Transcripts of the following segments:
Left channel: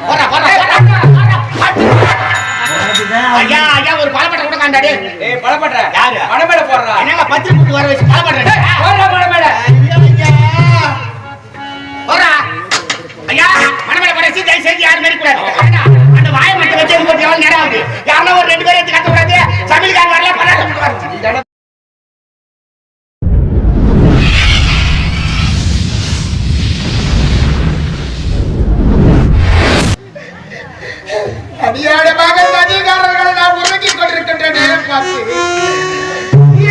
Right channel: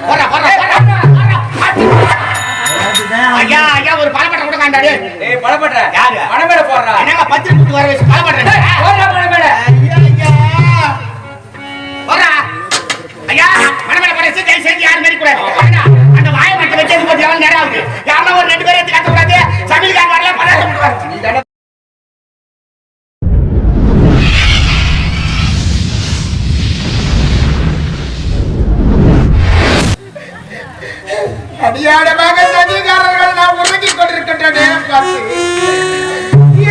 போடா, போடா. ஐயா ஐயா ஒரு பழப்பட்ட கொடுக்காண்டாடி ஏய் பழப்படுற. யாரு? மணமேல போடுறா. என்னங்க பத்திரி கூட்டு வர வச்சு பழப்பட்ட போடுறா மணமேல. போறா ஐயா. மனமேல போற சீ தயவு செஞ்சு யாரும் மாரி கூடாது அந்த வாயை மட்டும் வச்சு எவ்வளவு நேரம் ஆகுது? யாருன்னா ஒரு ரெண்டு பேரும் எடுத்து கத்த கூடாது. சமையல்காரன் வரல பல்லாட்ட அடியாடமாக சதிகாரர்கள் நாம் உறங்கிக் கொண்டிருக்கின்ற நேரம் பார்த்து.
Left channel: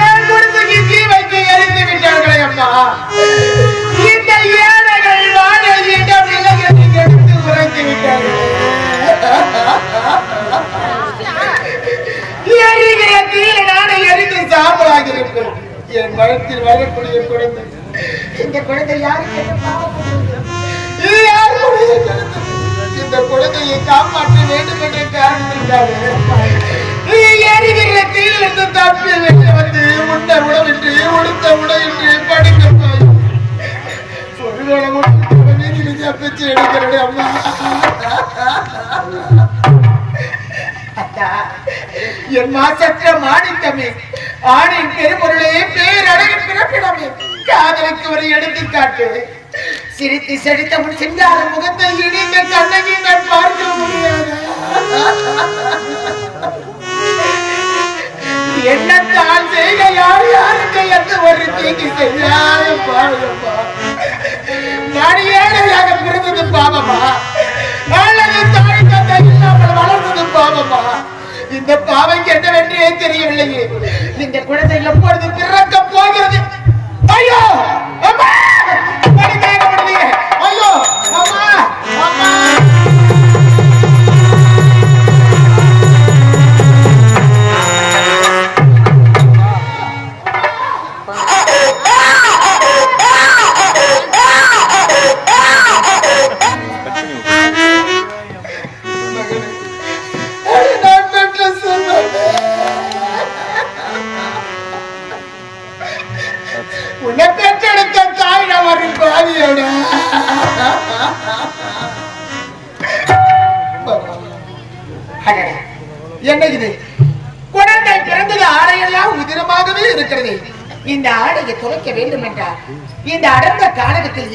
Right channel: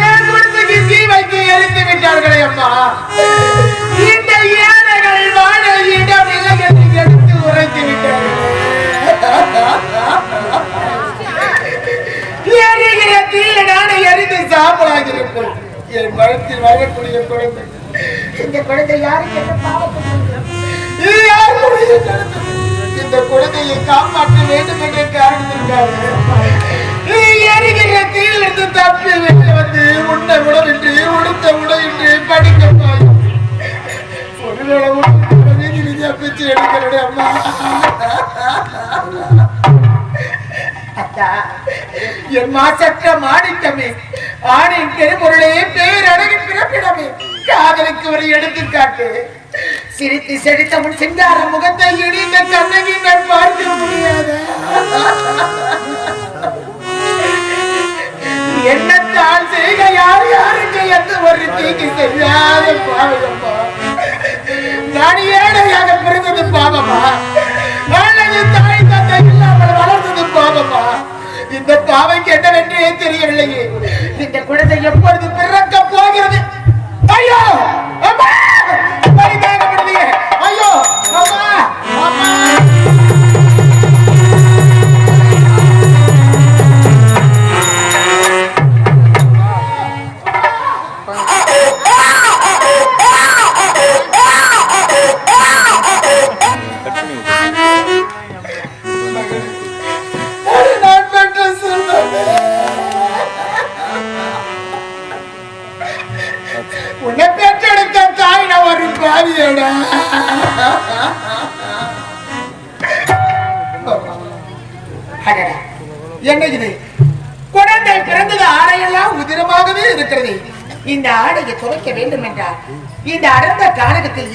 ஏன் குடும்பக்கு தீ வைத்து எரித்து விட்டார்களே அம்மா? இந்த ஏழைகள் வாழ இடம் இல்லை என்று கெடுத்து உறங்கி விட்டார்கள். எரிகிற தீயில நானே எரிந்து சாம்பலாகி என் வளத்தில் வளரக்கூடிய குழந்தை. இந்த குழந்தை யாருக்கு யார் குழந்தை? இந்த குழந்தையை காப்பாற்ற வேண்டும் என்ற காரணத்திற்காக எரிகிற தீயிலிருந்து தப்பி விட்டு வந்து உண்ண உணவின்றி உடுத்த உடையின்றி படிக்க ஒருவேளை உடனே பிச்சு எடுக்கிறேன் அம்மா. என் மாசற்ற மாணிக்கமே ஆணின் பெருமொருளையே பேரழகின் பிறப்பிடமே. காதலுக்கு ஒரு எடுத்துக்காட்டு. சிரித்து செடித்த உன் சிங்கார முகத்தை இடிந்த கண்ணகி மேல் பார்க்க முடியாது. என்னத்தான் செய்த யார் யாருக்கு எந்த ஒரு தீங்கு தெரியாத பாவம்மா? நான் ஏழையாக பிறந்தது பாவமா? அல்லது தாய் தந்தை இல்லாமல் வளர்ந்தது பாவமா? இந்த பாவைக்கு என்னவென்றே தெரியவில்லையே. இந்த குழந்தை எப்பொழுது பிறக்க போகிறது? ஐயோ! உன்னை பெற்றெடுத்த தாய் நான் ஒரு பாவியடா அடடா, என்ன இது? குழந்தை பிறந்தது ஆடையெல்லாம் உதிரமாகவே இருக்கிறது. இந்த ஆடையை துவைக்க வேண்டும் என்றால் இந்த அடர்ந்த கானகத்தில்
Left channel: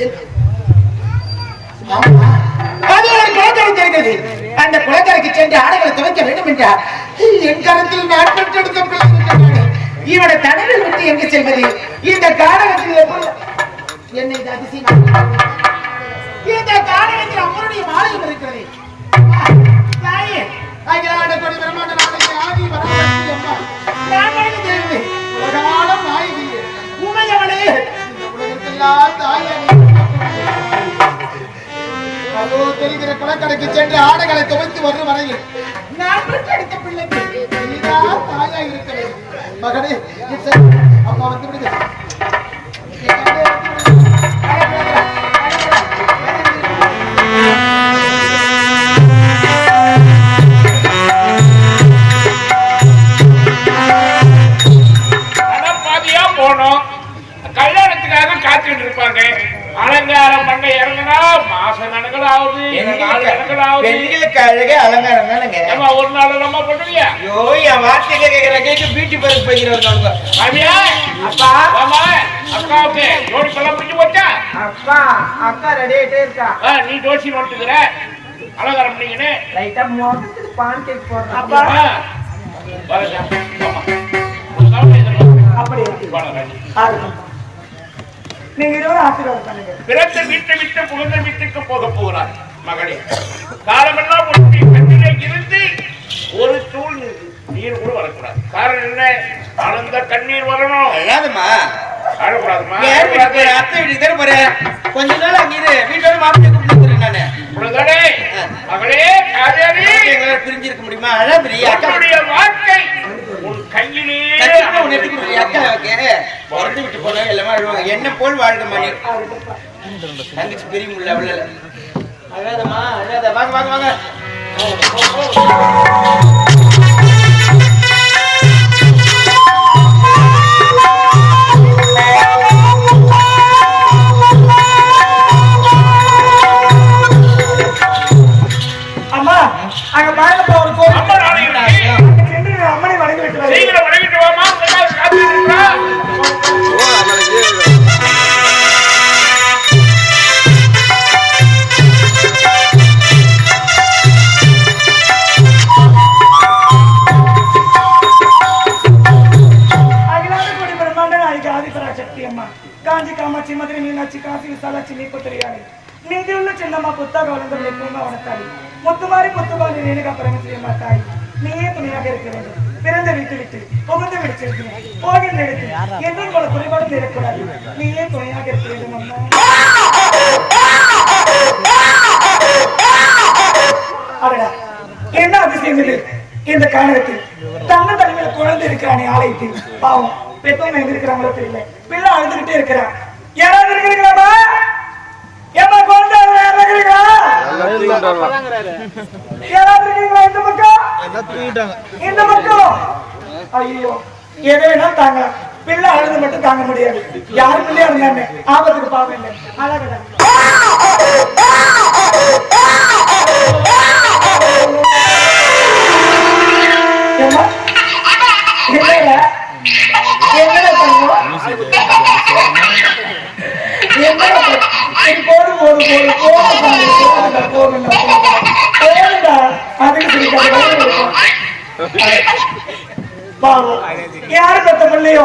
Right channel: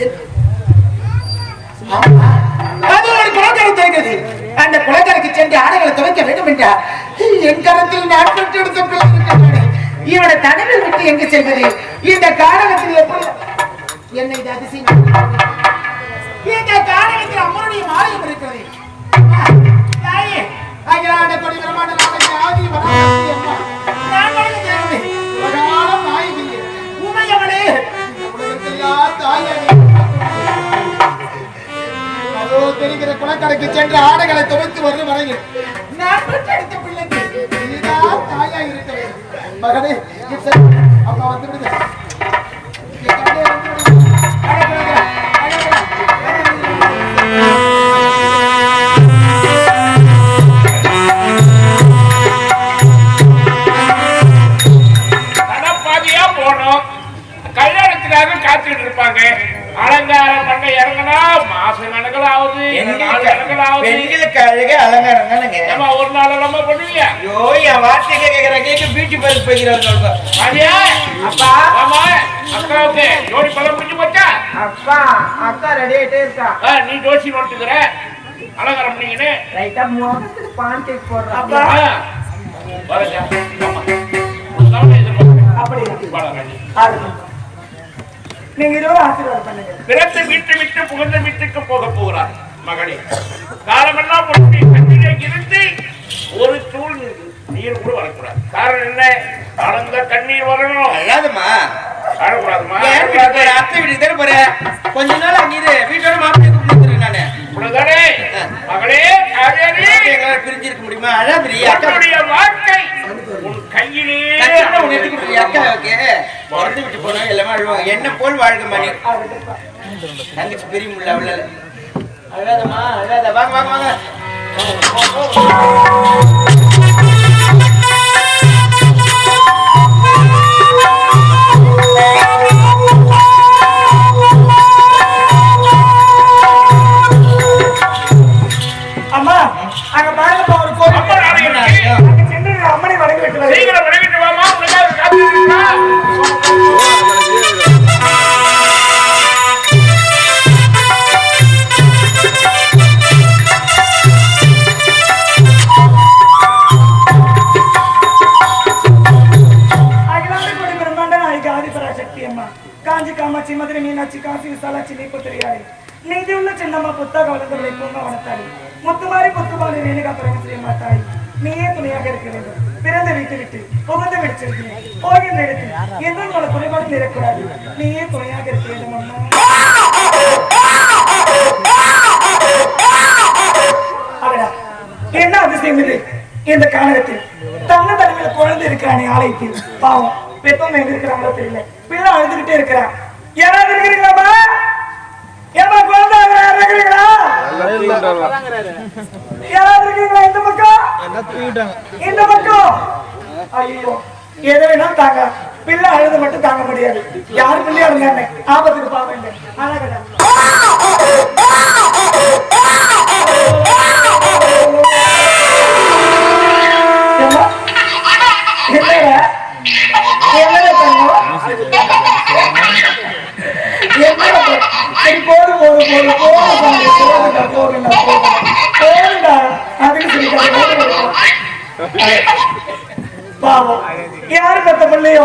அது ஒரு குளக்கரை தெரிந்தது. அந்த குளக்கரைக்கு சென்று ஆடைகளை துவைக்க வேண்டும் என்றால் என் கரத்தில் நான் பெற்றெடுத்த பிள்ளை இவனை தடவை விட்டு எங்கு செல்வது? இந்த கானகத்தில் என்னை இது அதிசயம் இந்த கானகத்தில் அம்மனுடைய மாலையும் இருக்கிறது. தாயே, கொடி நாளைக்கு ஆதி உமையவளே, உலகத்தெல்லாம் தாயாகி அதோ தெரிகிற சென்று ஆடைகளை துவைத்து வரும் வரையில் நான் பெற்றெடுத்த பிள்ளைக்கு அழகு. கடப்பாதியா போனோம். கல்யாணத்துக்காக காத்துட்டு இருப்பாங்க அலங்காரம் பண்ண இறங்கினா மாச கணக்கில் ஆகுது நாலு கணக்கில் ஆகுது பெண்களுக்கு அழகே அலங்காரம் தானுங்க. ஏம்மா, ஒரு நாள் இல்லாம பண்ணுவீங்க? ஐயோ என் வார்த்தை கேட்கிற கேட்க பியூட்டி பார்க் போய்க்கிறவங்க கவியா அப்பா. ஆமா அக்காவுக்கு ஜோடி பழம் பிடிச்சு போச்சா? அக்கா அக்கா ரெடி ஆயிட்டே இருக்கா? நீ ஜோசி வந்துக்கிற அலங்காரம் பண்ணீங்கன்னு. லைட்டா முகத்துக்கு பான் கேக் போடுறா. ஆ. வரேங்க. ஆமா. ஒரு தவணை எதிர்பார்க்கிறேன். அப்படி. வரேன். நீங்க இருவரும் ஆசீர்வாதம் பண்ணுங்க. பிறந்த வீட்டை விட்டு புகுந்த வீட்டுக்கு போக போகிறார். மகனே காலமெல்லாம் உன்னுடைய கண்ணிலே இருந்து ஒரு தூள் நீர் கூட வரக்கூடாது. காரணம் என்ன? ஆனந்த கண்ணீர் வரணும். அல்லாதம்மா போற? அத்தை வீட்டுக்கு தானே போறேன் கொஞ்ச நாள் அங்க இரு. வீட்டோட மாப்பிள்ளை கூப்பிட்டு நானு. இவ்வளவுதானே மகளே பிரிஞ்சிருக்க முடியுமா? உன்னுடைய வாழ்க்கை உன் கையிலே உன்னை எட்டி அக்காவுக்கு விட்டு போனா எல்லாமே அழுவாங்க. என்ன போல் வாழ்க மணி? தங்கச்சி பெரிய முள்ள அவ்வளோ அழாதம்மா அழாத. வாங்க வாங்க வாங்க. அம்மா அங்க காமாட்சி மதுரை மீனாட்சி காசி விசாலாட்சி நீ நீப்பத்திரியாளி மீதி உள்ள சின்னம்மா புத்தாக புத்தக வளர்ந்தவளை பூங்காவனத்தாளி முத்துமாரி முத்துமாரி ரேணுகா பரமசிவ மாட்டாய் நீயே துணையாக இருக்க வேண்டும். பிறந்த வீட்டு விட்டு புகுந்த வீடு போகின்ற இடத்தில் என்றும் பல குறைபாடு நிறக்கூடாது நீயே துணையாக இருக்க வேண்டும் அம்மா. அடடா. என்ன அதிசயம் இது? இந்த காணகத்தில் தன்ன தனிமையில் குழந்தை இருக்கிறானே ஆலயத்தில். பாவம். பெத்தவங்க எங்க இருக்கிறாங்களோ தெரியல. பிள்ளை அழுதுகிட்டே இருக்கிறான் யாராவது இருக்கிறீங்களாமா ஏமா குழந்தை அழுது யாராவது இருக்கிறீங்களா யாராவது இருக்கீங்களா இந்த பக்கம்? இந்த பக்கம். ஐயோ எதை வேணாலும் தாங்க. பிள்ளை அழுது மட்டும் தாங்க முடியாது. யார் பிள்ளையா இருந்தாங்க ஆபத்துக்கு பாவம் இல்லை. பாவம் யாரு பெத்த பிள்ளையோ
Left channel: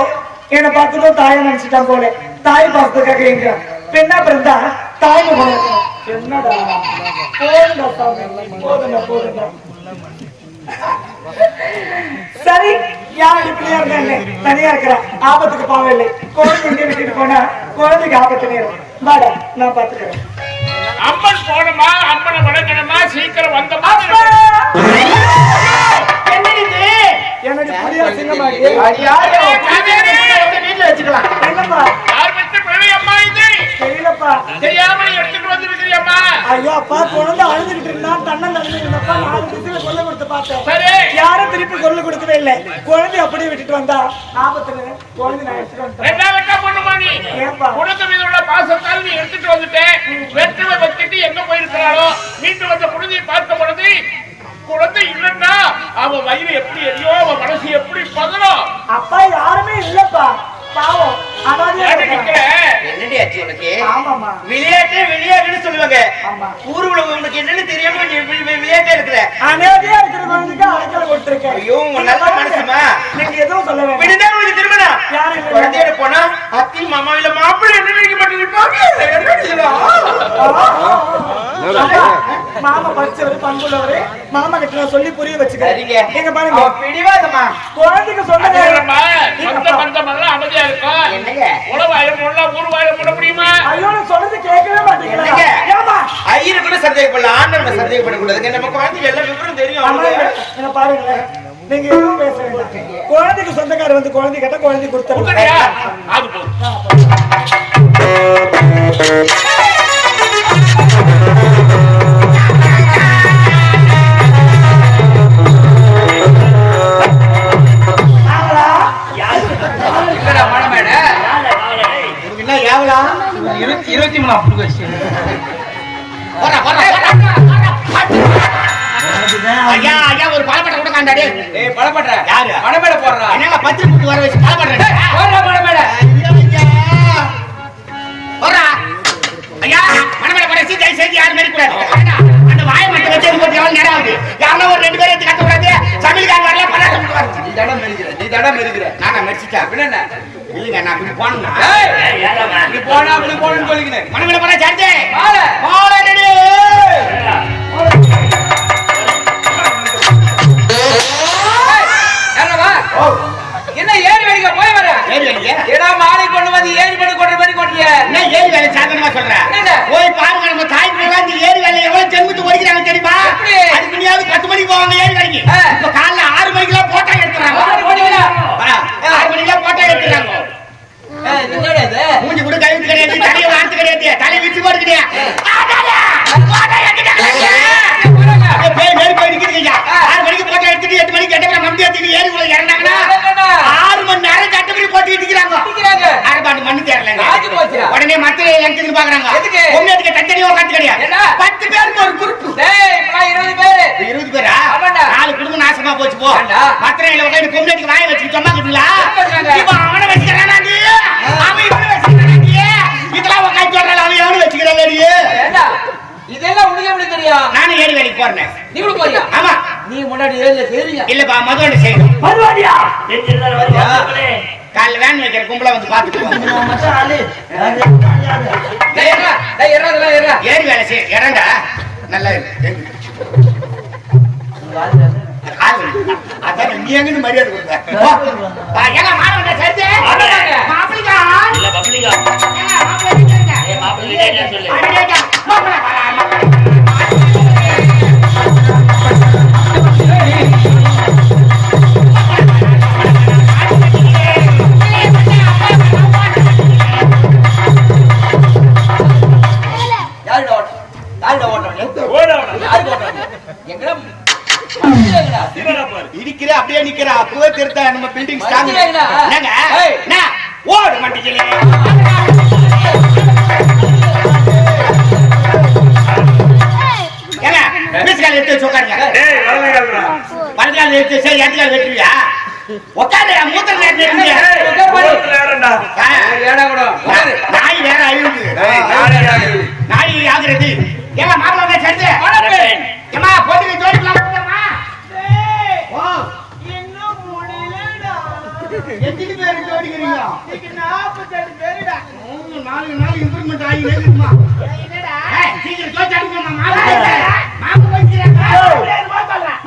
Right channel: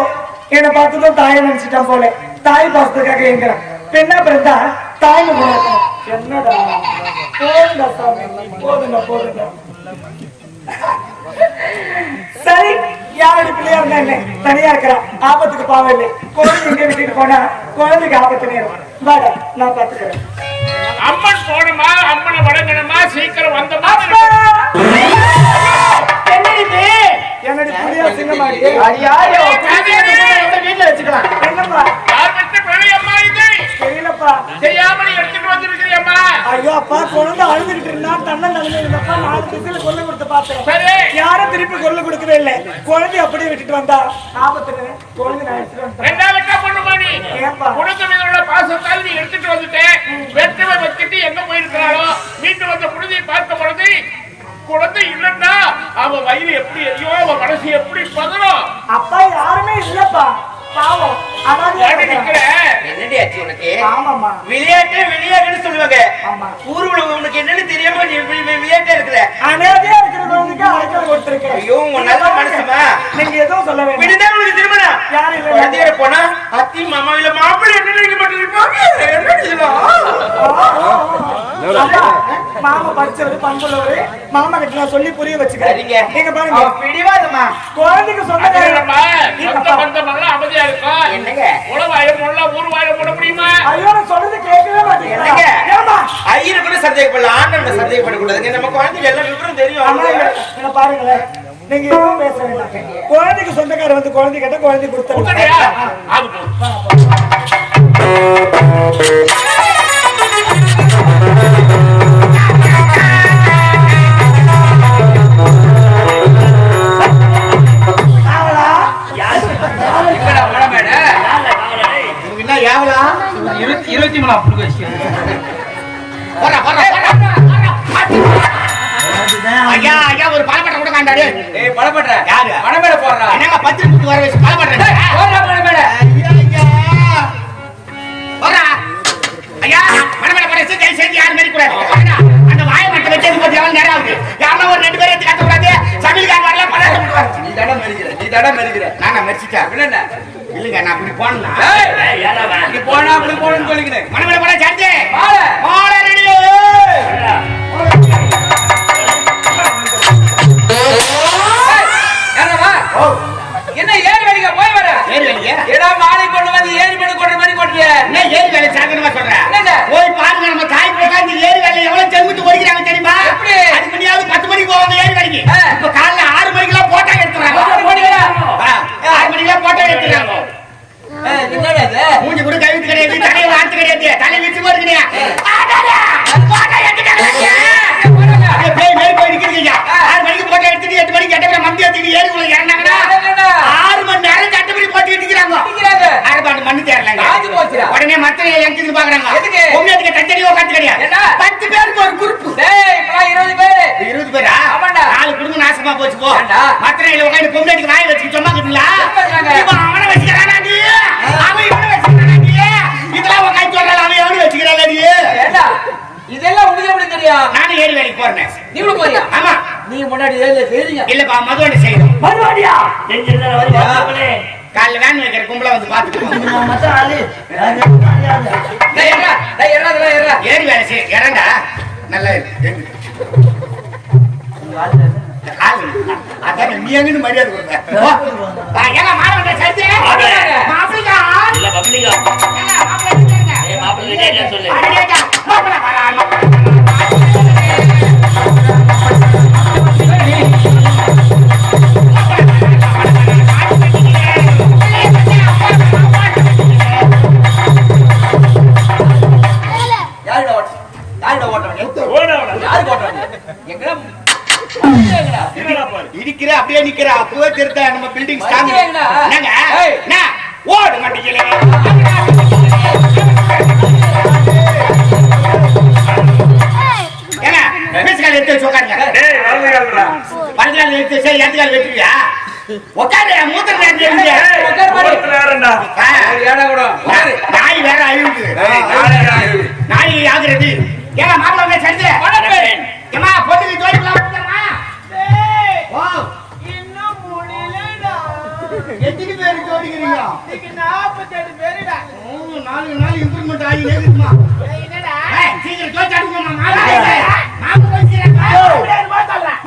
என்னை பார்த்ததும் தாயை நினைச்சிட்டான் போல தாய் பார்த்ததுக்காக எங்க பெண்ணா பிறந்தா தாய் என்னடா? போதுண்டா சாமி. போதுண்டா போதுண்டா சரி யாரோட பிள்ளையா இருந்தா என்ன? தனியா இருக்கிறா ஆபத்துக்கு பாவம் இல்லை. குழந்தை எங்க விட்டுட்டு போனா குழந்தைக்கு ஆபத்து நேரம். வாடா நான் பாத்துக்கிறேன் அம்மன் போனமா? அம்மனை வணங்கணுமா? சீக்கிரம் வந்தமா? என்ன இது? என்னுடைய புளியா சிங்கமாக்கு அடியாரே, கொண்டு வந்து வீட்டுல வச்சுக்கலாம் என்னம்மா? யார் பெற்ற பிள்ளை அம்மா இது? தெரியலப்பா. தெரியாமல் எடுத்துட்டு ஐயோ அப்பா குழந்தை அழுதுகிட்டு இருந்தான். தன்னன் தகுந்த இருந்தப்பா நாலு திசையில கொல்ல கொடுத்து பார்த்தேன். சரி. யாரும் திருப்பி கொல்ல கொடுக்கவே இல்லை. குழந்தை அப்படியே விட்டுட்டு வந்தா? ஆபத்துல குழந்தை நான் எடுத்துட்டு வந்துட்டேன். ரெண்டாவது பொண்ணுமா நீ ஏன்பா? குடும்ப மீது உள்ள பாசத்தால் நீ எடுத்துட்டு வந்துட்டேன் வெற்றுமை வச்சுட்டு எங்க போயிருக்கிறாளோ? வீட்டு வந்த குழந்தையை பார்க்க பொழுது குழந்தை இல்லைன்னா அவ வயிறு எப்படி எரியும்? அவ மனசு எப்படி பதறும்? அப்பா யாருமே இல்லப்பா. பாவம்? என்னடி ஆச்சு உனக்கு? ஆமாம்மா. விளையாட்டு விளையாட்டுன்னு சொல்லுவாங்க. ஆமா. ஊருக்குள்ள உனக்கு என்னன்னு தெரியாம விளையாட்டா இருக்கிற அனாதையா இருக்கிற குழந்தைக்கு அழைக்கல் கொடுத்திருக்கேன் ஐயோ, உங்க நல்ல நீங்க மனசுமா? நீங்க எதுவும் சொல்ல வேண்டாம். விடுனா உனக்கு திருமணம்? யாரு இல்ல? குழந்தையோட போனா அத்தி மாமா இல்ல மாப்பிள்ளை என்ன நினைக்க மாட்டேங்கிறீங்க என்ன மாமா படிச்சவரு பண்புள்ளவரு. மாமா கிட்ட நான் சொல்லி புரிய வச்சுக்கிறேன். நீங்க பாருங்க. அவ பிடிவாதம்மா. குழந்தைக்கு பந்தமெல்லாம் அமைதியா இருக்கும் என்னங்க? உளவாயம் உள்ள ஊர்வாயம் உள்ள முடியுமா? ஐயோ நான் சொல்றது கேட்கவே? மாட்டேங்கிறேன் ஏமா ஐயரை கூட சந்தேகப்படல ஆண்டவனை சந்தேகப்படக்கூடாதுங்க. நம்ம குழந்தைக்கு எல்லாம் விவரம் தெரியும். என்ன பாருங்களேன். நீங்க எதுவும் பேச வேண்டாம். குழந்தைக்கு சொந்தக்காரர் வந்து குழந்தை கேட்டா குழந்தை அது போதும். இருபத்தி இருபத்தி மூணாம் புடுங்க வச்சு. போடா, போடா, போடா, போடா. ஐயா ஐயா ஒரு பாலப்பட்ட கூட காண்டாடி. ஏய் பழப்பட்ட யாரு? மழை மேடை போடுறா. என்னங்க பத்திரி கூட்டு வர வச்சு பாலப்பட்ட போடுறா மழை மேடை ஐயா ஐயா. போடா ஐயா மனமேல போற சீட்டை சேர்த்து யாரும் மாதிரி கூடாது எவ்வளவு நேரம் ஆகுது. யாருன்னா ஒரு ரெண்டு பேரும் எடுத்து கத்த கூடாது சமையல்காரன் வரல? பல்லாட்ட மட்டும் வருது நீ தடம் மெரிக்கிற நீ தடம் மெரிக்கிற. நானா மெரிச்சிட்டா? அப்படின்னு என்ன? இல்லைங்க நான் அப்படி போனா ஏய், நீ போனா அப்படி போனன்னு சொல்லிக்கினேன் மனமேல போற சார்ஜ் மாலை. மாலை ரெடி என்னடா என்ன ஏறி வரைக்கும் போய் வர? ஏறி வரீங்க ஏடா மாலை கொண்டு வந்து ஏறி பண்ணி கொண்ட மாதிரி கொட்டுறிய? என்ன ஏரி வேலை சாதனமா சொல்ற? போய் பாருங்க நம்ம தாய் ஏரி வேலை எவ்வளவு தேரலங்க காஞ்சு போச்சுடா. உடனே மத்த எடுத்துட்டு பாக்குறாங்க எதுக்கு? உங்களுக்கு தனித்தனியா உட்காந்து கிடையாது என்ன? பத்து பேருக்கு ஒரு குரூப் டேய் இப்பலாம் இருபது பேரு. வச்சுட்டு போ. ஏண்டா? மத்திரையில உட்காந்து பொம்பளைக்கு வாய் வச்சு சும்மா இருக்குங்களா என்ன பண்றாங்க? இவன் அவனை வச்சுக்கிறானாடி அவன் இவனை வச்சுக்கிறானாடி இதெல்லாம் உட்காந்து சொல்றான் அவன் எவனு வச்சுக்கிறானாடி ஏண்டா? இதெல்லாம் உனக்கு எப்படி தெரியும்? நானும் ஏறி வேலைக்கு போறேன். நீங்களும் போறியா? ஆமா. நீ முன்னாடி ஏர்ல செய்றீங்க. இல்லப்பா மதுவண்டி செய்யணும். மறுபடியா காலைல வேன் வைக்கிற கும்பல வந்து டேய் ஏறா வேலை செய்ய இறண்டா நல்லா. அதான் நீ எங்கன்னு மரியாதை கொடுப்ப? ஏங்க மாணவன் இல்ல பப்ளிகா சொல்லு? யாருடா ஓட்டுறாங்க? யாருக்கு ஓட்டுறாங்க? எங்கடா அப்படியே நிக்கிற. அப்பவே திருத்த நம்ம பில்டிங் ஸ்ட்ராங்? என்னங்க? ஓடு பீஸ்கால் எடுத்து உட்காருங்க. படுக்கால் எடுத்து சரி எதுக்கால் வெட்டுவியா உட்காரு மூத்தர். நாய் வேற யாரு நாய் ஆகுறது ஏங்க மாப்பிள்ளை சேர்ந்து வணக்கம். ஏமா பொண்ணுக்கு ஜோடிக்கலாம் வந்துட்டமா ஓ எத்தனை பேர் ஜோடிக்கிறீங்க? ஓ, நாலு நாள் இம்ப்ரூவ்மெண்ட் ஆகி இருக்குமா சீக்கிரம் தோச்சு அடிக்கணுமா மாப்பிள்ளை. மாப்பிள்ளை போயிடுச்சு.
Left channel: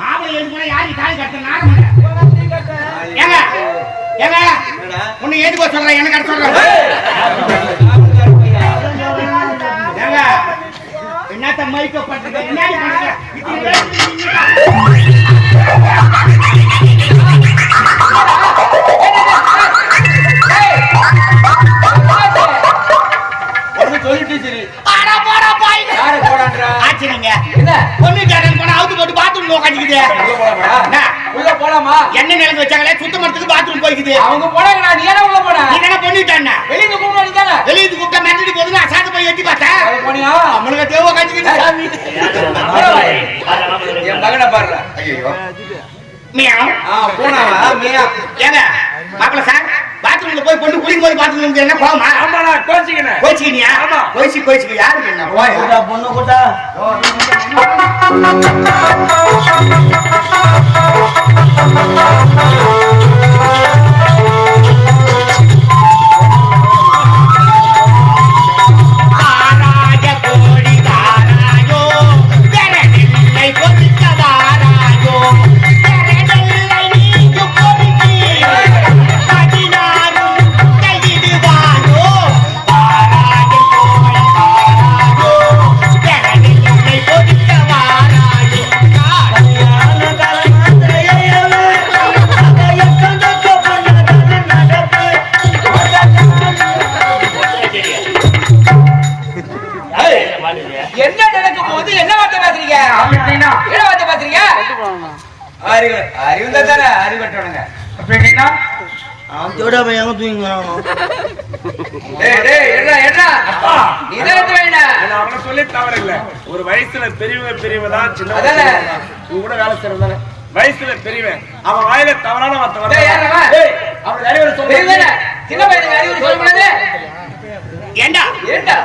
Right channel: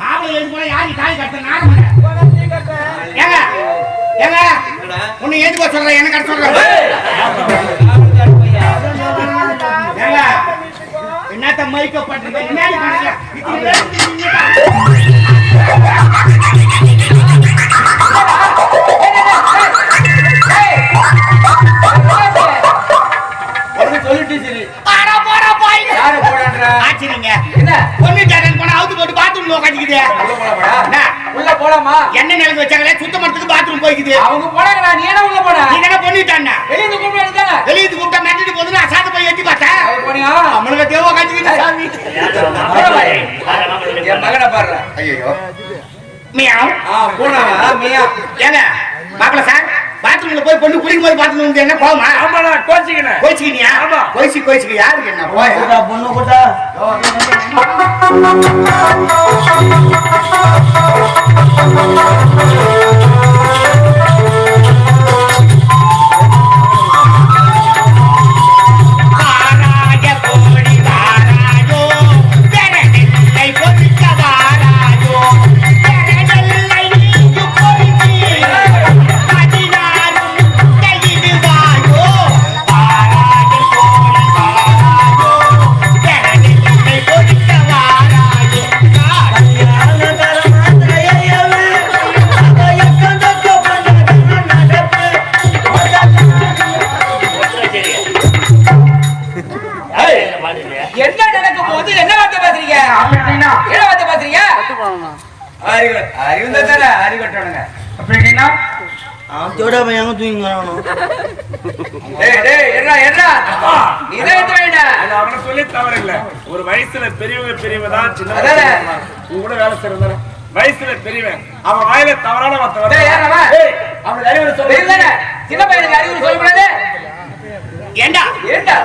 மாப்பிள்ளை எழுந்து போனா கட்ட. நாரம் ஏங்க ஏங்க உன்னை ஏந்து போக சொல்றேன் என்ன கட்ட சொல்றேன். என்னத்த மைக்க சொல்லிட்டு சரி ஆடா போடா போய். யாரு போடான்றா? ஆச்சரிங்க. என்ன? பொண்ணு தேடல் பாத்ரூம் உட்காந்துக்குது உள்ள போலாமா? என்ன நிலந்து வச்சாங்களே சுத்தம் பண்றதுக்கு பாத்ரூம் போய்க்குது. அவங்க போனாங்கடா நீ என்ன உள்ள போன? நீங்க என்ன பண்ணிட்டாண்ணா வெளியில கூப்பிட வேண்டியதானே வெளியே கூப்பிட்டா போது நான் சாத்த போய் எட்டி பார்த்தேன். போனியா? நம்மளுக்கு தேவை உட்காந்துக்கிது சாமி. என் மகனை பாடுற ஐயோ மியாவ். ஆ பூனாவா? மியா. ஏங்க மாப்பிள்ள சார்? பாத்ரூம்ல போய் பொண்ணு குளிக்கும் போது பாத்ரூம் என்ன கோவமா ஆமாடா கோச்சிக்கினேன் கோச்சிக்கினியா ஆமா. கோயிச்சு கோயிச்சுக்கு யாருக்கு என்ன போய் பொண்ணு கூட்டா ஆராய என்ன நடக்க போகுது? என்ன வார்த்தை பேசுறீங்க? என்ன வார்த்தை பேசுறீங்க? அறிவு. அறிவு தானே அறிவட்டவனுங்க அவன் பையன் எங்க தூங்கி வரானோ? டேய் டேய் என்ன என்ன அப்பா. நீ தான் எடுத்து வைடா ஆனா அவனை சொல்லி தவறு இல்ல ஒரு வயசுல பெரியவங்க பெரியவங்க தான் சின்ன. உங்க கூட வேலை செய்யறதானே வயசுல பெரியவன். அவன் வாயில தவறான வார்த்தை டேய் யாரா வா வருது டேய் அவனுக்கு அறிவுரை சொல்லு சின்ன பையனுக்கு அறிவுரை சொல்ல கூடாது ஏண்டா? ஏண்டா?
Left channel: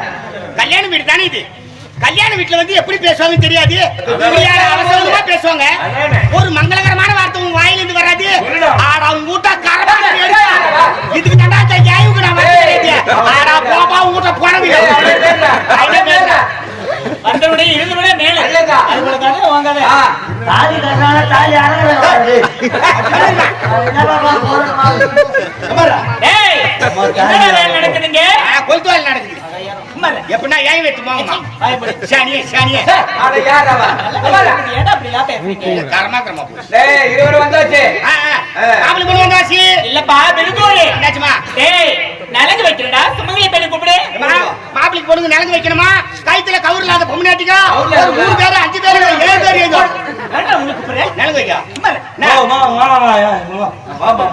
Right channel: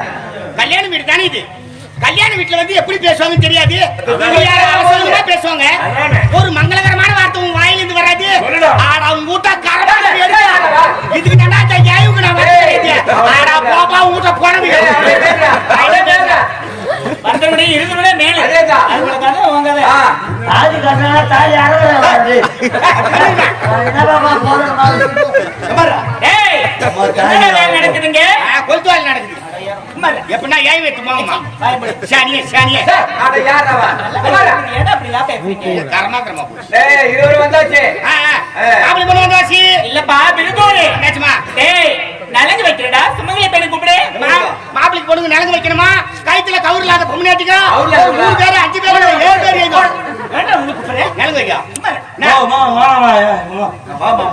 கல்யாண வீடு தானே இது? கல்யாண வீட்டுல வந்து எப்படி பேசுவாங்க தெரியாது? பேசுவாங்க. ஒரு மங்களகரமான வார்த்தை உன் வாயில இருந்து வராது. ஆடா உன் ஊட்டா கரடா இதுக்கு தாண்டா ஏவுக்கு நான் ஆடா போப்பா ஊட்ட போனது வந்தவனே இருந்தவனே மேல. தாலி கட்டினா தாலி நடக்குதுங்க? கொளுத்து வேலை நடக்குது எப்படின்னா ஏன் வெட்டு போங்கம்மா. சானியே சானியே. அட யாரா வா கரமாத்திரமா போச்சு டேய் இருவரும் வந்தாச்சு. ஆ, ஆ. மாப்பிள்ளை பொண்ணு வந்தாச்சு. இல்லப்பா பெருங்கோடு என்னாச்சுமா? டேய் நலங்கு வைக்கிறடா. சுமங்கலி பெண்ணு கூப்பிடு. மா- மாப்பிள்ளைக்கு பொண்ணுங்க நிலந்து வைக்கணுமா? கயித்துல கவுர் இல்லாத ஒரு மூணு பேரு அஞ்சு பேரு ஏழு பேரு. ஏன்டா உங்களுக்கு கூப்பிடுற? நிலந்து வைக்கா? வா மாமா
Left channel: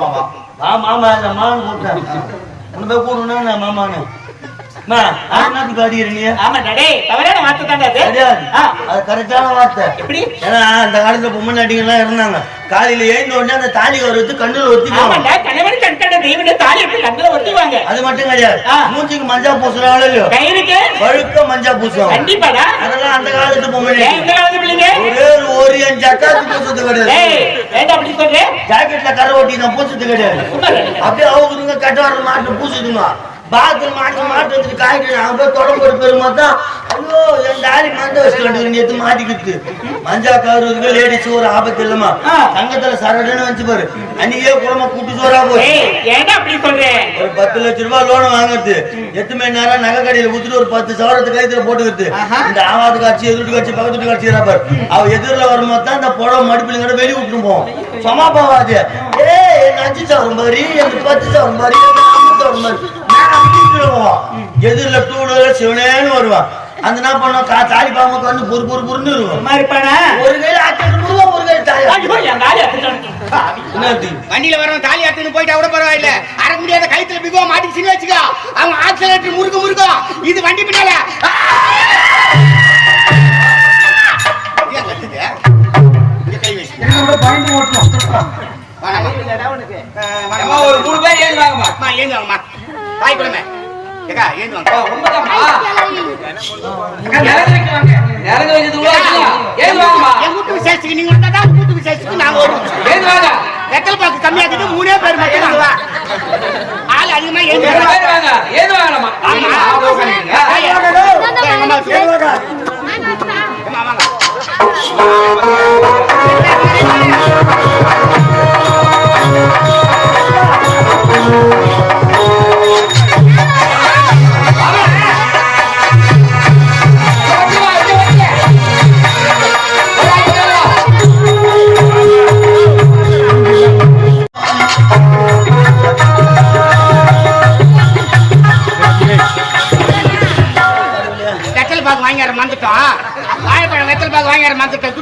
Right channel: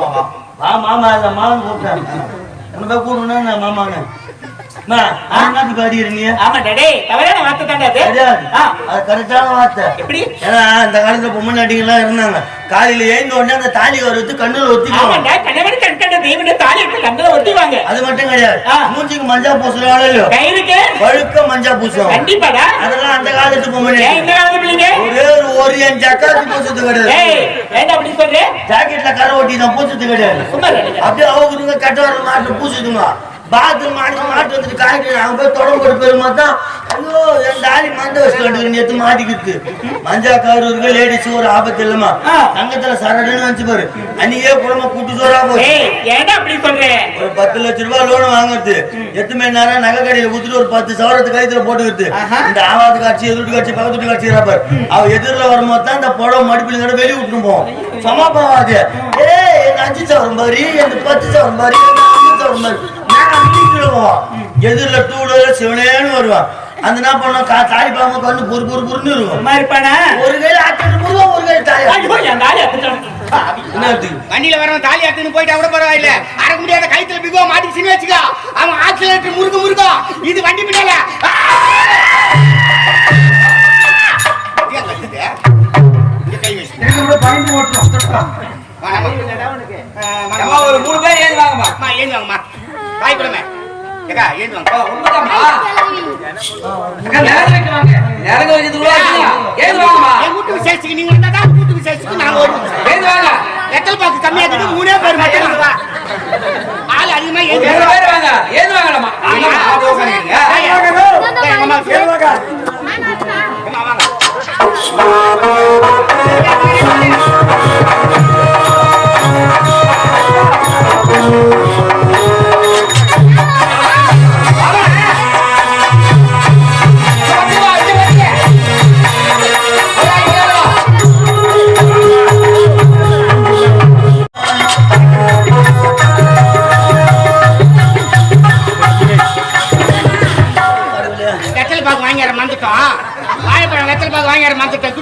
வா. மாமா இல்ல மாமன் கூட்டான் உன்னை போய் கூடணும் நான் மாமான்னு? அம்மா, அவன் என்னத்துக்கு அடிக்கிற நீ ஆமா டேய் தவறான வார்த்தை தான்டா அது. கிடையாது ஆ. அது கரெக்டான வார்த்தை. எப்படி? ஏன்னா அந்த காலத்துல பொம்மை நடிகர்லாம் இருந்தாங்க. காலையில எழுந்த உடனே அந்த தாலி வரத்து கண்ணுல ஒத்திக்குவாங்க ஆமாண்டா கணவன் கண் கண்ட தெய்வனை தாலி எடுத்து கண்ணுல ஒத்திவாங்க அது மட்டும் கிடையாது. மூஞ்சிக்கு மஞ்சள் பூசுறாங்களோ இல்லையோ? கயிறுக்கு? பழுக்க பூசுவாங்க. கண்டிப்பாடா. அதெல்லாம் அந்த காலத்து பொம்மை ஏன் இந்த நடிகர். காலத்து பிள்ளைங்க? ஒரே ஒரு ஒரு என் ஜக்காத்து பூசுறது கிடையாது. அப்படி ஜாக்கெட்ல கரை ஒட்டி நான் பூசுறது கிடையாது. அப்படியே அவங்களுக்கு கட்ட வர மாட்டு பூசுதுங்க பாத்ரூம் மாட்டி மாட்டு வச்சுட்டு காய்ட்டு நாங்க போய் தொடர்பு போட்டு பெருமாள் தான்? ஐயோ என் தாலி மந்த வச்சுட்டு வந்து நேத்து மாட்டிக்கிட்டு. மஞ்சா கவருக்கு லேடிஸ் ஒரு ஆபத்து இல்லமா. தங்கத்துல சரடுன்னு வச்சு பாரு. அன்னைக்கே குடும்பம் கூட்டு சோறா ஏன்டா அப்படி சொல்ற? ஒரு பத்து லட்ச ரூபாய் லோன் வாங்குறது. எட்டு மணி நேரம் நகை கடையில குடுத்துட்டு ஒரு பத்து சவரத்து கழுத்துல போட்டுக்கிறது ஆஹா. இந்த ஆவாது காட்சி எதிர்த்து காட்சி பக்கத்து காட்சி பாரு. அவ எதிரில் வரும்போது தான் இந்த புடவை மடிப்பில் வெளியே விட்டுட்டு போவோம் சமா போவாது. ஏய் எங்க அஞ்சு சவரம் பாரு எனக்கு பத்து சவரம் பாரு எனக்கு அஞ்சு சவரம் பாரு. அடிக்கிட்டு போவான் எதிரில் டூ வீலர் சிவனேன்னு வருவான் அந்த என்ன பண்ண கா தாலி பாம்பு கண்ணு பொறு பொறு பொறுன்னு இருக்கும் ஒரு கையில ஆட்டு முருகன் ஒரு கையில தாலி வண்டியில வரவன் தாலி அத்துன்னு போயிட்டா கூட பரவாயில்ல. அறக்க முடியாத கைத்துல பிகோ மாட்டிச்சுன்னு வச்சுக்கோ. அவன் ஆக்சிலேட்டர் முறுக்கு முறுக்கோ. இது வண்டி பின்னால! ஏன் வாங்க. ஏம்மா, ஒரு மூணு பேர் ஏன் வாங்கம்மா? அம்மா, ஏந்து வாங்கம்மா. வாய் கொடுங்க. ஏக்கா, ஏந்து வாங்க. நிலங்க வச்சது கூட வாங்கம்மா. என் நீங்க தான் நாங்க வருவோம். ஏன் வாங்க. வெத்தலை பாக்கு கம்மியா இருக்குது, மூணே பேர் மட்டும் வாங்க. ஆள் அதிகமா ஏந்து வாங்க. பேர் வாங்க. ஏன் வாங்கலாமா வாங்க. வெத்தலை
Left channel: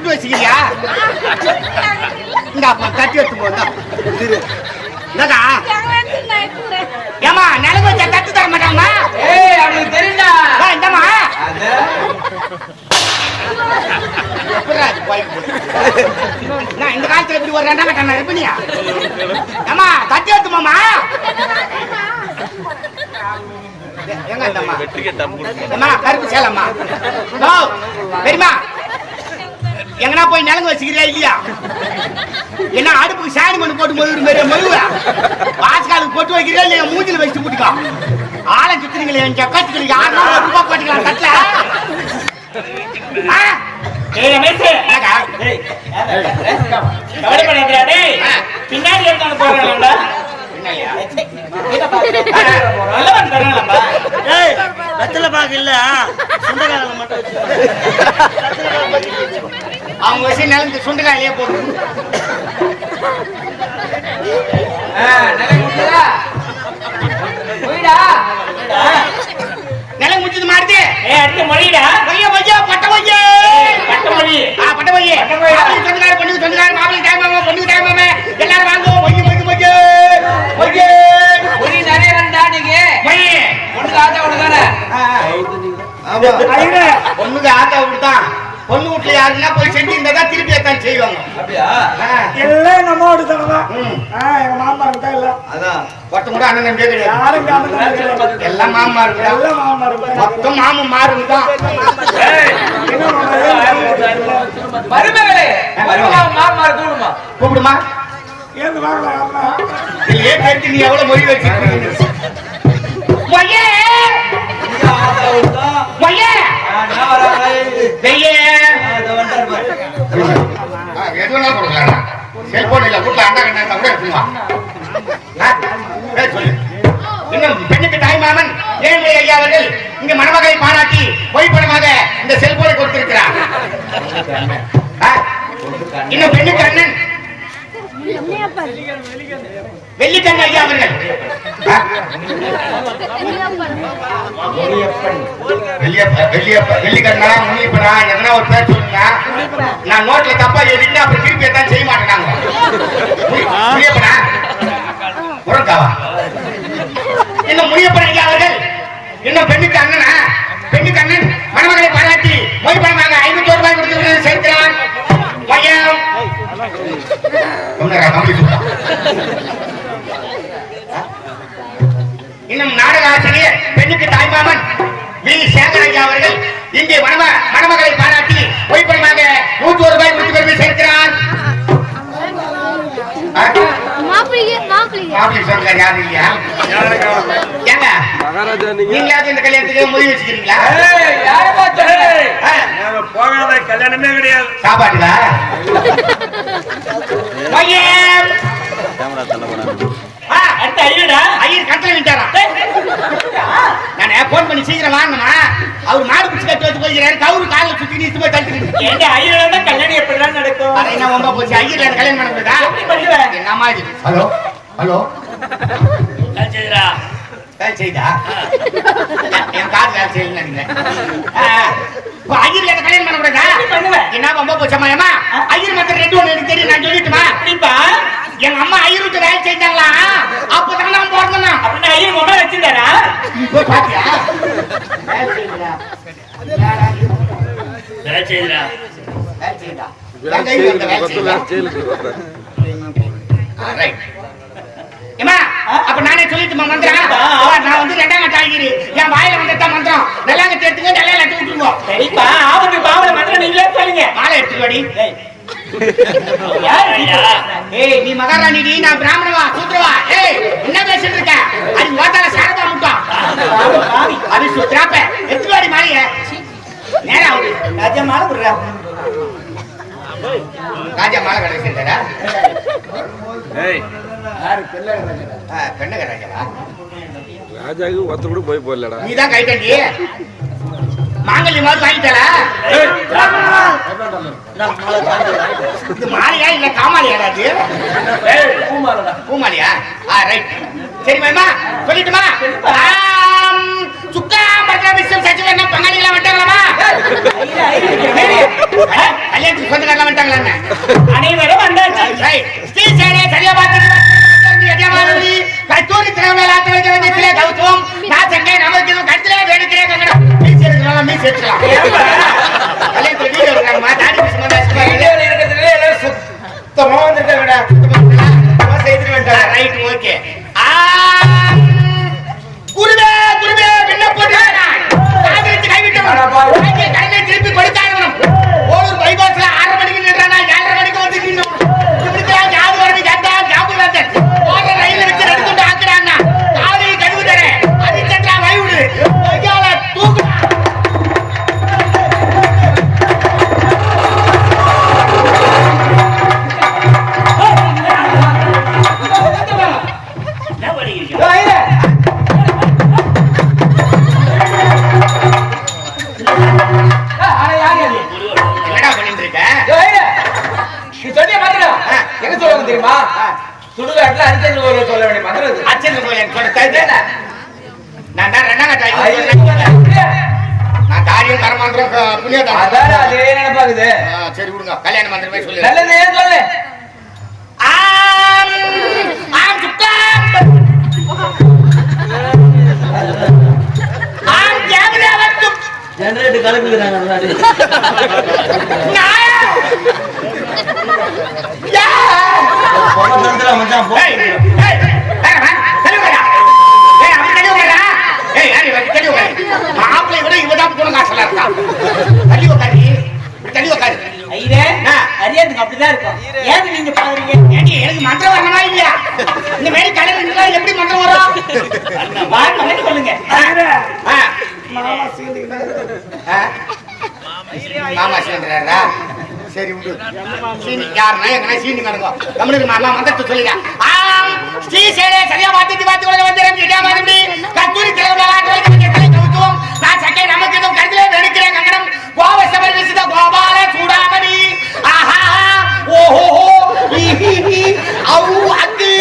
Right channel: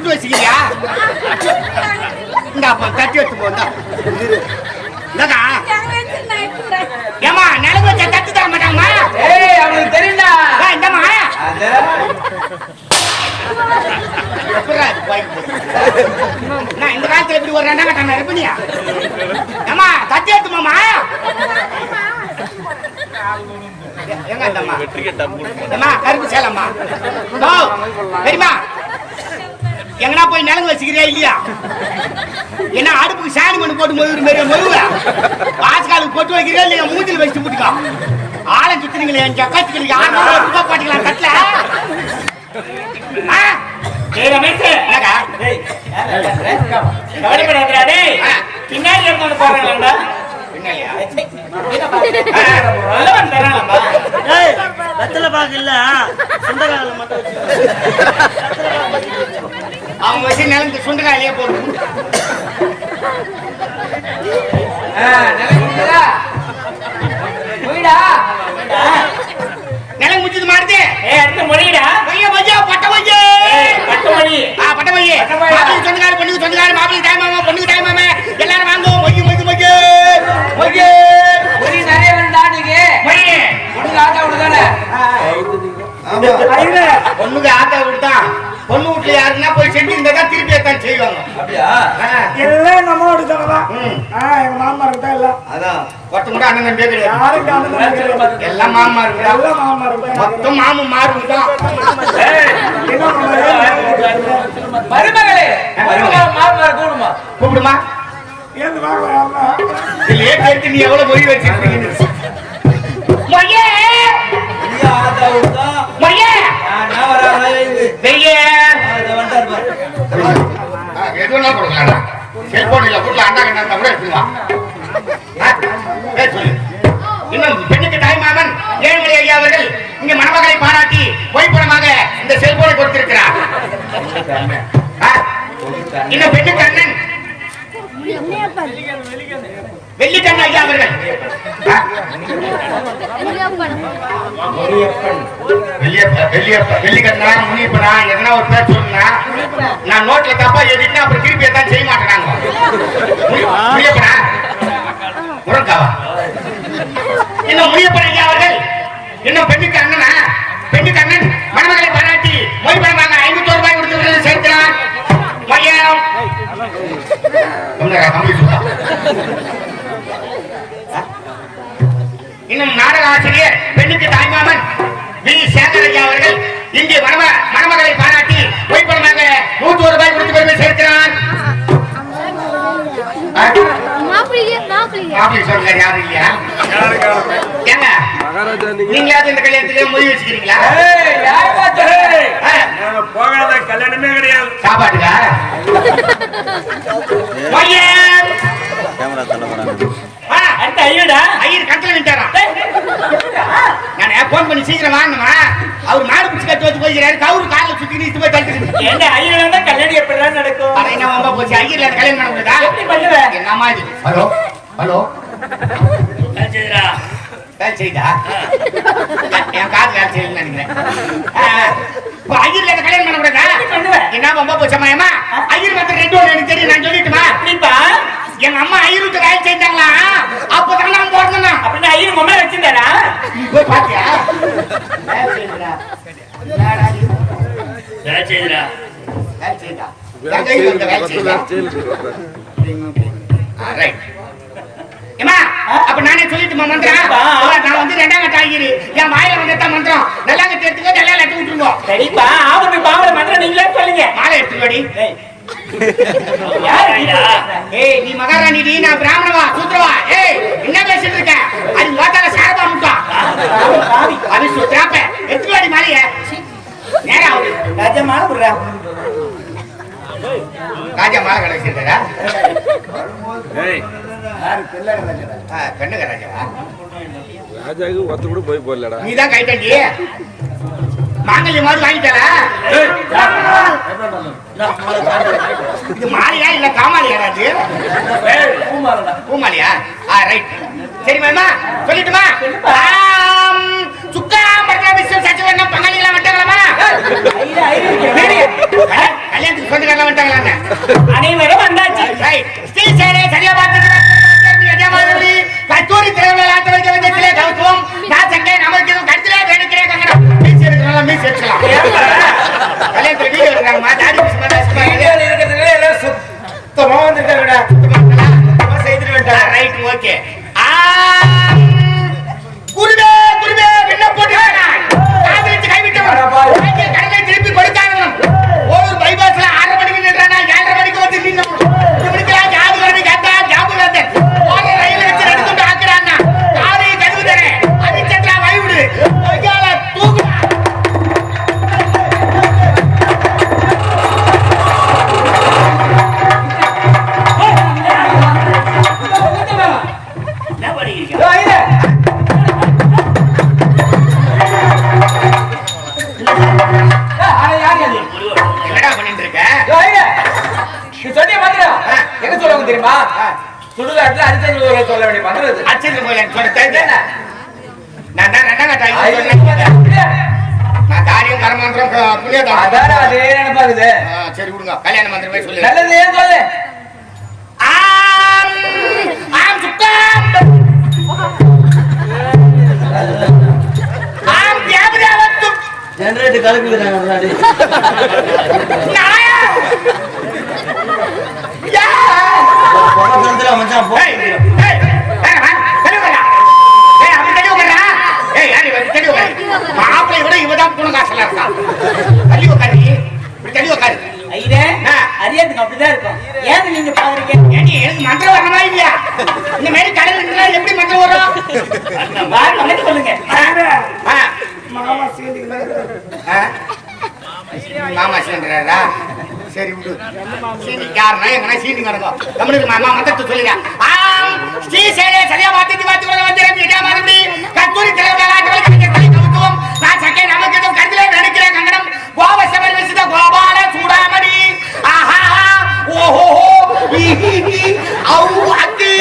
துட்டு வச்சுக்கிறியா இந்த அப்ப கட்டி எடுத்து போந்தா என்னடா ஏமா நிலவு வச்சா கட்டி தர மாட்டாங்கம்மா? ஏய் அவனுக்கு தெரியும்டா. ஏய், இந்தாம்மா. அது? இந்த காலத்துல இப்படி ஒரு ரெண்டாம் கட்டம் இருப்பினியா? ஏமா கட்டி எடுத்துமாமா எங்க கருப்பு சேலம்மா. பெரியமா எங்கனா போய் நிலங்க வச்சுக்கிறியா இல்லையா என்ன அடுப்புக்கு சாணி மண்ணு போட்டு மொழிவு மாரி மொழிவு வாசகாலுக்கு பொட்டு வைக்கிறியா இல்லையா மூஞ்சில வச்சு முட்டுக்கா ஆளை சுத்துறீங்களே என் சக்கத்துக்கு யாரும் ரூபாய் பாட்டுக்கலாம் டேய் பின்னாடி இருந்தாலும் வெத்தலை பாக்கு இல்ல. சுண்டகால மட்டும் அவங்க வச்சு நிலந்து சுண்டலாலேயே போதும். போயிடா. நிலம் முடிச்சது மாறுது அடுத்து மொழிடா பொய்ய பொய்யா பட்ட பொய்யே பட்டு மொழி. ஆ பட்ட. மாப்பிள்ளை சொந்தக்கார மாப்பிள்ளை டைமாம எல்லாரும் வாங்குவோம் பொண்ணுக்கு ஆத்தா விடுதான் பொண்ணு வீட்டுல யாருன்னா போய் செஞ்சு இருந்தா திருப்பி தான் செய்வாங்க. அப்படியா? எல்லாம் எங்க அம்மாவோட தானே. ம். எங்க மாமா தான் இல்ல. அதான். ஒருத்தன் கூட அண்ணன் தம்பியே கிடையாது. அண்ணன் கிடையாது எல்லாம் மாமா எல்லாம் மாமா இருந்தா மொத்தம் மாமன் மாறுங்க தான். மாமா மருமகளே கூடுமா? கூப்பிடுமா? ஏந்து வாங்கலாம் யாருன்னா இல்லையே கேட்டு நீ எவ்வளவு மொழி வச்சிருக்கீங்க செல்போன் இல்ல வீட்டுல அண்டா கண்ணா கூட சொல்லு. இன்னும் பெண்ணுக்கு தாய் மாமன் ஏழுமலை ஐயா அவர்கள் இங்க மணமகளை பாராட்டி பொய் பணமாக இந்த செல்போனை கொடுத்திருக்கிறார். ஆ? இன்னும் பெண்ணுக்கு அண்ணன். வெள்ளிக்கண்ணு ஐயா அவர்கள். வெள்ளிக்கண்ணா முனியப்பனா எதனா ஒரு பேர் சொல்லுங்க நான் நோட்ல தப்பா எழுதிட்டு அப்புறம் திருப்பி தான் செய்ய மாட்டேன் நாங்க முனி- முனியப்பனா? முருங்காவா இன்னும் முனியப்பன் ஐயா அவர்கள்? இன்னும் பெண்ணுக்கு அண்ணனா? பெண்ணுக்கு அண்ணன் மணமகளை பாராட்டி மொய் பணமாக ஐநூத்தி ரூபாய் கொடுத்து விருது சேர்க்கிறார் மையம் தமிழ். இன்னும் நாடக ஆசிரியர் பெண்ணுக்கு தாய்மாமன் வி. சேகர் ஐயா அவர்கள் இங்கே மணம மணமகளை பாராட்டி மொய் பணமாக நூத்தி ஒரு ரூபாய் கொடுத்து பெருமை சேர்க்கிறார். போகாத கல்யாணமே கிடையாது. சாப்பாட்டுக்கா? அடுத்த ஐயோடா ஐயர் கட்டில விட்டாராம் நான் போன் பண்ணி சீக்கிரம் வாங்கணுமா அவர் மாடு பிடிச்சி கட்டி வச்சு போயிருக்காரு கவுரு காலில் சுத்தி நீ போய் தடுத்துக்கிட்டு ஏண்டா ஐயோடா கல்யாணம் எப்படிதான் நடக்கும்? அதை என்ன வம்பா போச்சு? ஐயர்ல கல்யாணம் பண்ண முடியுதா? எப்படி பண்ணுவ? என்னம்மா இது ஹலோ ஹலோ. வேலை செய்தா? என் காது வேலை செய்யல நினைக்கிறேன். இப்போ ஐயர்ல கல்யாணம் என்ன வம்பா போச்சம்மா ஏமா ஐயர் மத்த ரெண்டு ஒன்று எனக்கு தெரியும் நான் சொல்லிட்டுமா அப்படிப்பா. எங்க அம்மா ஐயர் விட்டு வேலை அப்பதான் நான் பிறந்தேன்னா. அப்படின்னு ஐயர் மொபைல் வச்சிருந்தாரா? இப்போ பாத்தியா? வேலை ஆ, right. சொல்லிட்டுமா மந்திரம். நான் வந்து ரெண்டாம் கட்ட ஆகிரு. என் வாயில வந்ததான் மந்திரம். நல்லாங்க தேத்துங்க நல்லா லட்டு விட்டுருவோம். சரிப்பா. ஆபத்து பாவல மந்திரம் நீங்களே சொல்லுங்க. மாலை எடுத்து வாடி ஏய். நீ? ஏய் நீ மகாராணி நீ நான் பிராமணவா சூத்திரவா ஏய் என்ன பேசிட்டு இருக்க? அது ஓட்டால சாரதா முட்டா. அது சுத்திராப்ப எடுத்து வாடி மாலைய. நேரா ராஜாமா விடுறா ராஜா மாலை கடை வச்சிருக்காரா ஏய். பெண்ணுக ராஜாவா ராஜாவுக்கு ஒருத்த கூட போய் போடலடா. நீ தான் கை கட்டி. மாங்கல்யம் மாதிரி வாங்கிட்டாரா இது மாலையா இல்ல காமாலியாடா அது பூமாலியா? ஆ ரைட் சரி மாமா சொல்லட்டுமா? சுக்கா பட்ரா விஸ்வம் சச்சிவன் பங்காளிகளா ஆ, கல்யாணத்துக்கு சொந்தக்காரலாம் வந்துட்டாங்களாங்க? அனைவரும் வந்தாச்சு. ஸ்ரீ சேரே சரியா பார்த்துட்டு யஜமானி கஸ்தூரி திறமையில ஆத்த வைக்க வேண்டியதிலே கௌதம் நான் சென்றே நமக்கு இது கருத்திலே வேணுக்கிறே கங்கடம் மீஸ் எடுக்கலாம் மீஸ் எடுக்கலாம். கல்யாணத்துல வீடியோ எடுக்கிறாங்கம்மா தாடி அதே நினைப்பாக்குது ஆ, சரி விடுங்க. கல்யாண மந்திரமே சொல்லு. நல்லது ஏன் சொல்லு. ஆம். ஆம் சுக்காம் ஆம் தேவதேவத்தும் ஜெனரேட்டர் கலக்குறாங்க முன்னாடி நாயா யா பொங்கல் வந்துடா மச்சான் போ ஏய் ஏய் வேணாமா தெளிவு வரா ஏய் அப்படி தெளிவு வரா ஏய் யாரு இவன் தெளிவு வரா மாப்பிளை விட இவதான் குணம் காசலா இருக்கா? தள்ளி உட்காரு அப்படிதான் இருக்கும். ஏன் நீங்க பாக்குறீங்க? எனக்கு மந்திரம் வரணுமா இல்லையா? இந்த மாதிரி கடல் எப்படி மந்திரம் வரும்? சொல்லுங்க? மாமா சீன்றா சரி விடு. சீனி யாருன்னா எங்கன்னா சீனி நடக்கும் தமிழுக்கு மாமா மந்திரத்தை சொல்லுங்க ஆம். ஸ்ரீ சேரே சரியா வாத்தி உலக வந்திரம் கத்தூரி கவுத்துவம் நான் சக்கை கோபசமர்விசித கோபால சூடாமணி ஆஹா ஓஹோ அவு அக்கு.